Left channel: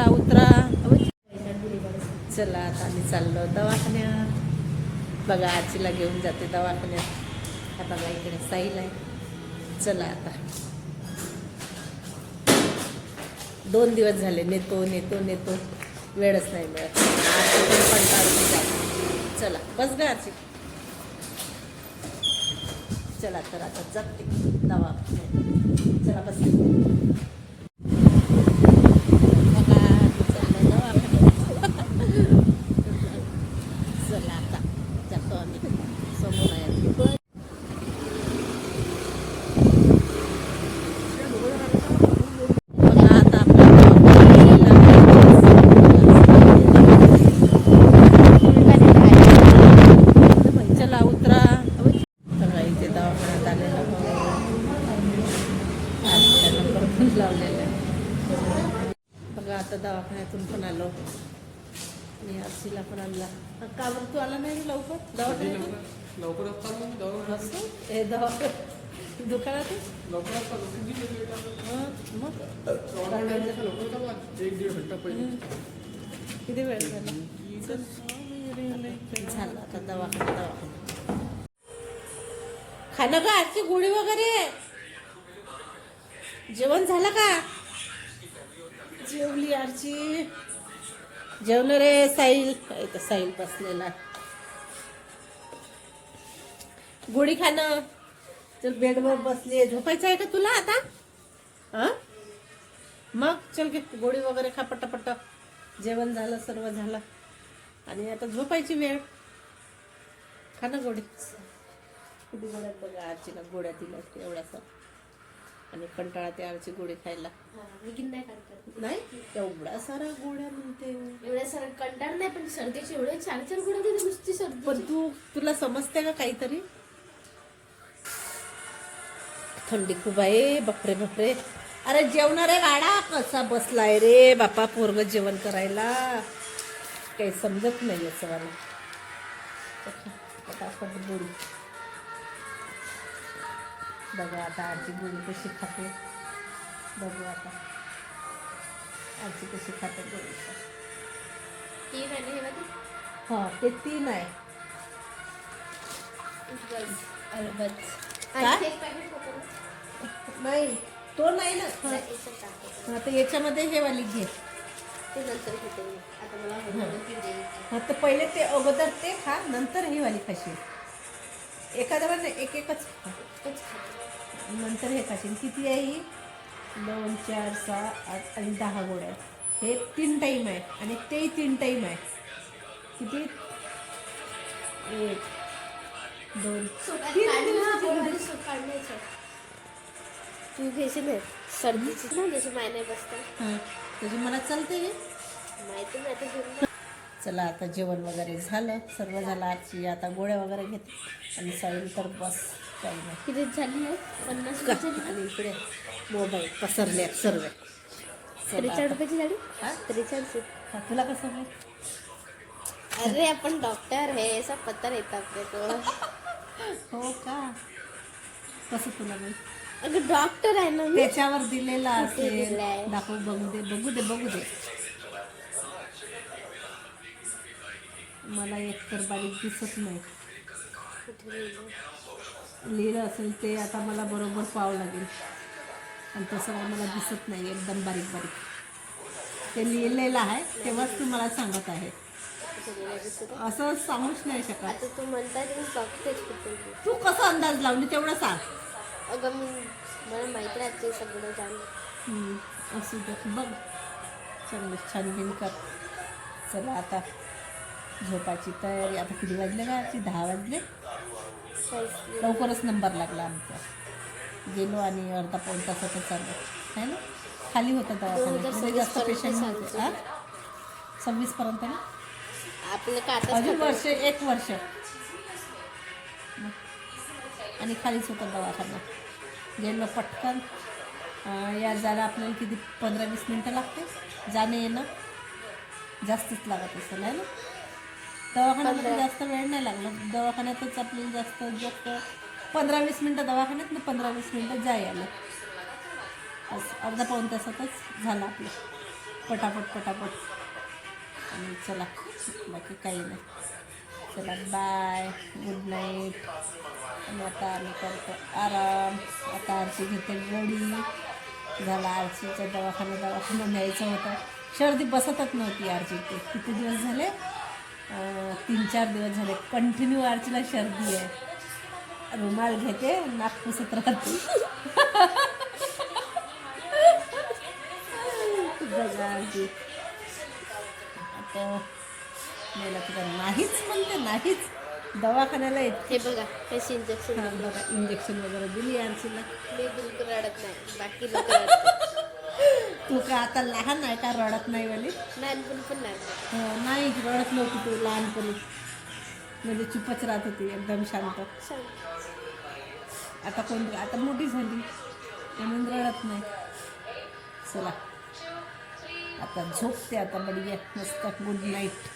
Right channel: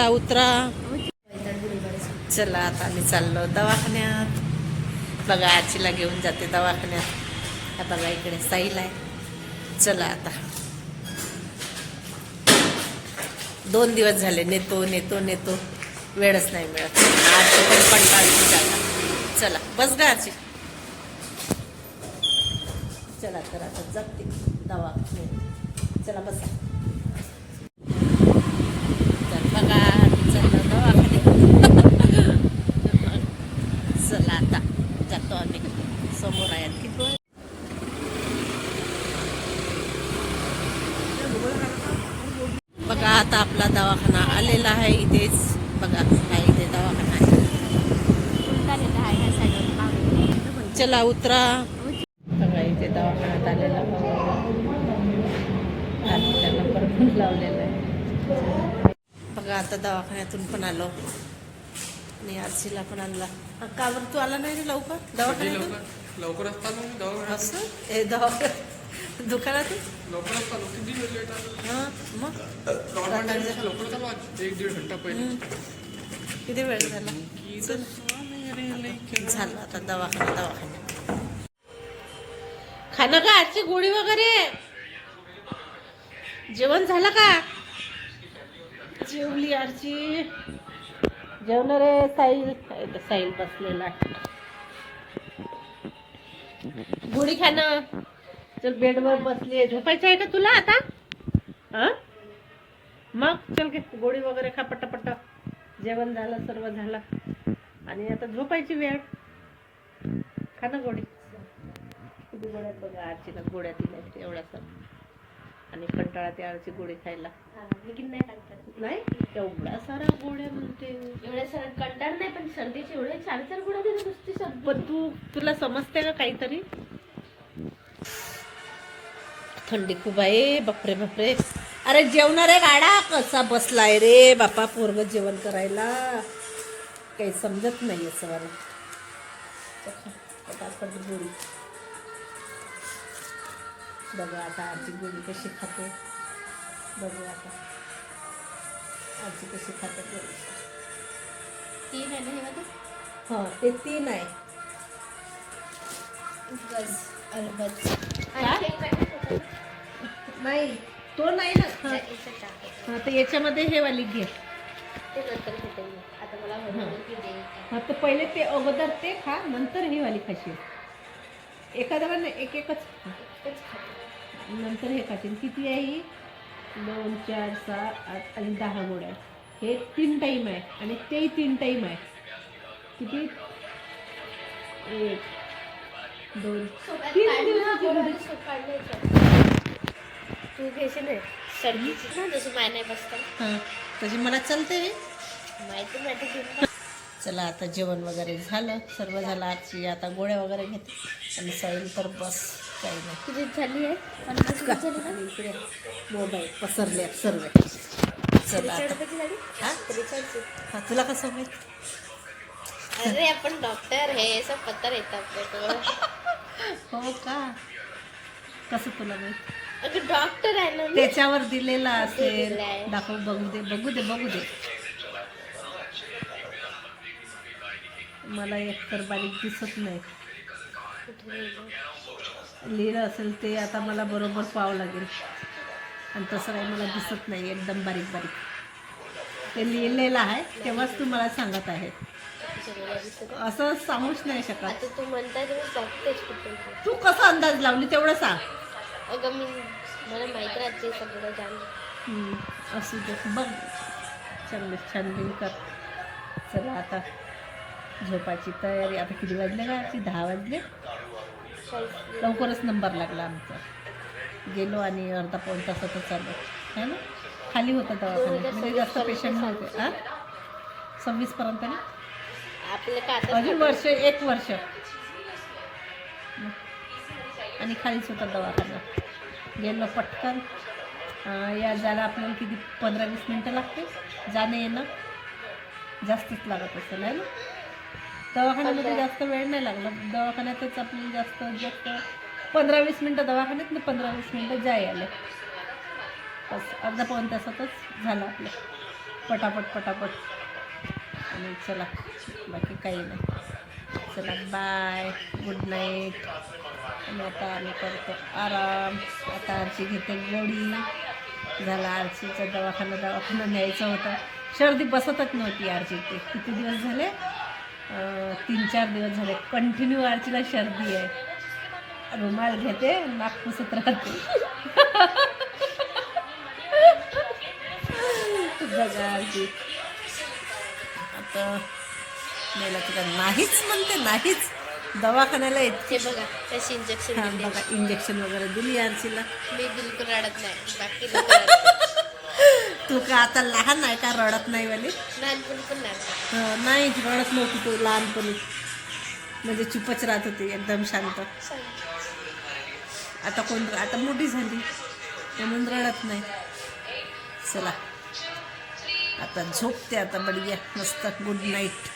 चला उतरा. चला आता आम्ही चाललो दवाखान्यात. बघा आजीला घेऊन जाते दवाखान्यात. आता बघा इकडे साईल आहे. चला आता. दोन दिवस झाले नेतो नेतो नेतो. वेळच नाही मिळत. आजी पण कंटाळली जाता चला बस गा आजी. चला तर आता जाते दवाखान्यात. चला बस बघा आम्ही चाललो दवाखान्यात चला आता जातो आम्ही समोर आहे आणखी बघा आता आपला दवाखाना आलेला आहे इथेच बघा इथे दवाखाना आहे. चला उतरा. बघा इथे दवाखान्यात आलेला. आज त्या नंबर पण लावलेला आहे. बघा आता दवाखान्यातून पण आलो. आणि आरसीला पण आणला. का बरं तू आला नाही रे लवकर? दवाखान्यातून? लवकर दवाखान्यात. असं? हे दवा दुकानातच हां मग? दवाखान्यात लवकर चालू आज एक दीड घंटा पहिले. किती वेळ झाला. झालं आता दवाखाना दवाखाना खाणं का आजची गोळी वगैरे? जेवण झालं का? जेवली आरची. जेवण रे साईल साईल बसलेला गोळी खाणं. चल बेडवर बसली झोपायचं आहे का तुला आता? हा मग चल घे. गोळी वगैरे खा पट्ट जेवण झालं सर्व झालं. आणि आता झोपायची वेळ. खा ना गोळी. किती गोळ्यात बघा आरचीला गोळ्या दिल्या एवढासा आणि कंटाळा त्या आरची गोळी खायला. नाही एवढा सारा गोळ्या म्हणते. एवढ्या सर कंटाळ नाही पण सर्दीची एवढे चार चार गुण देते नुसती सर्दी. पण तू तुला समजते का काहीतरी? थंडी खूप आहे बापरे बापरे. अरे जेवणारे गाडा कसा बसलाय रे बापा पोरग जेवण करायला. काही समजत नाही असं मला पटापट गोळी बघा आता आजी गोळी कशी खाते. बघू आता. आजी कशी खाते गोळी तीन आहे ना हे वाली? हा ते तीन आहे? नाही तो नाही ना. हा. हा तर याच्यामध्ये हे वाली घे. ते नंतर कुठे. आता मला. हा. तर पहिले ते अगोदर ते खा नंतर ही वाली खाशील. एखाद्या वेळेला एक एकच खा. तेच खाते. नंतर हे खाशील. किती आहे ही? दोन चार सहा आठ आणि दहा गोळ्या हे तीन टाईम आहे आणि तेही तीन टाईम आहे. किती? एक दोन तीन दिवसाची. तू घेशील ना सर्दीची ना जसं माय नाही बसतं हां तशी मला चालते रे. माहिती चला आता जेवण वगैरे झालं. सर्व झालं आजची आता गोळ्या वगैरे घेते. आणि साईल तर बस काही नाही. तुझी झाली आहे पन्नास का? रुपयाची ना? आणि इकडे मोबाईल पसरले सर्व. चला त्रेचाळीस आता. रुपयाची झाली हा? त्रेचाळीस हा, तुला कसं माहीत? अरे आपण डॉक्टर है सब पता रहता अपने को हो का? कसं तुला माहीत? डॉक्टर आहे ना त्याच्यावर दिलेला. असेल. दाखव बघू दे बघू दे बघू दे. मला एकतर बारीक दिसत नाही. लिहिलं? असेल ते आता मला बरोबर पाहावं लागेल. आणि तसं काही मला दिसत नाही एकदम बारीक बारीक. ते लिहिलेलं आहे तेव्हाच तू मला सांगत आहे. असं सांगूच नाही शकत. तर तू कसा अंदाज लावली तेवढं सांग. अगं मी मला माहीत राहते सगळं जाण असू दे. बघ. चांगलं छान बिन कर. चला आता. झोपाची तयारी. आता किती वाजले का आजची दहा वाजले. लवकरच नंबर लागला आमचा. गेलो आणि अर्धा पाऊण तासातच आलो है ना? खाली होता दवाखान्यात म्हणजे जास्त पेशंट नव्हते. आ? सव्वीसपर्यंत ना? अजून वर्ष एक वर्ष. आणि खालीच होता दवाखाना. गेलो पटकन. या जायला आपल्याला किती पंधरा वीस मिनटं लागते जाणं येणं? जास्तच लागत असेल आहे ना? दवाखान्यामध्ये जास्त वेळ नाही लागला. दवाखान्यातच आपल्याला जास्त जास्त पंधरा वीस मिनटं दवाखान्यात ना पंधरा वीस मिनटं जाय आले. बस अर्धा पाऊण तासातच झालं आपलं. पटापट पटापट. आणि चला बाकी काही नाही. चला बाय गुड नाईट आणि आता आम्ही करतो आराम. आता आरशी घेते गोडी. झाला आरशीचा दवाखाना. दवाखाना न्यायचा होतं. सर्दी बसतच नव्हती आरची किती दिवस झाले? तीन चार दिवस झाले. कंटिन्यू आरचीला सर्दी आहे. रुमाल घेते नाक पुसत राहते. बघा आरची आता मेला तुला नाहीच म्हणते नाहीच. दवाखान्याला येत बघा कशी इंजेक्शन दिली बघा इंजेक्शन वगैरे दिली आरसीला. मी बिलकुल रडत नाही. बाकी लोक रडतात. तू का आता लहान आहे का? रडत नाही वाली? लहानपणी पण. हं, नाही रडत नव्हती तू लहानपणी. म्हणजे चुपच राहत होती एकदम शांत. आता कोण आता मोठी झाली म्हणून रडत नाही. चला. आता झोपते आता बढिया मस्त गुड नाईट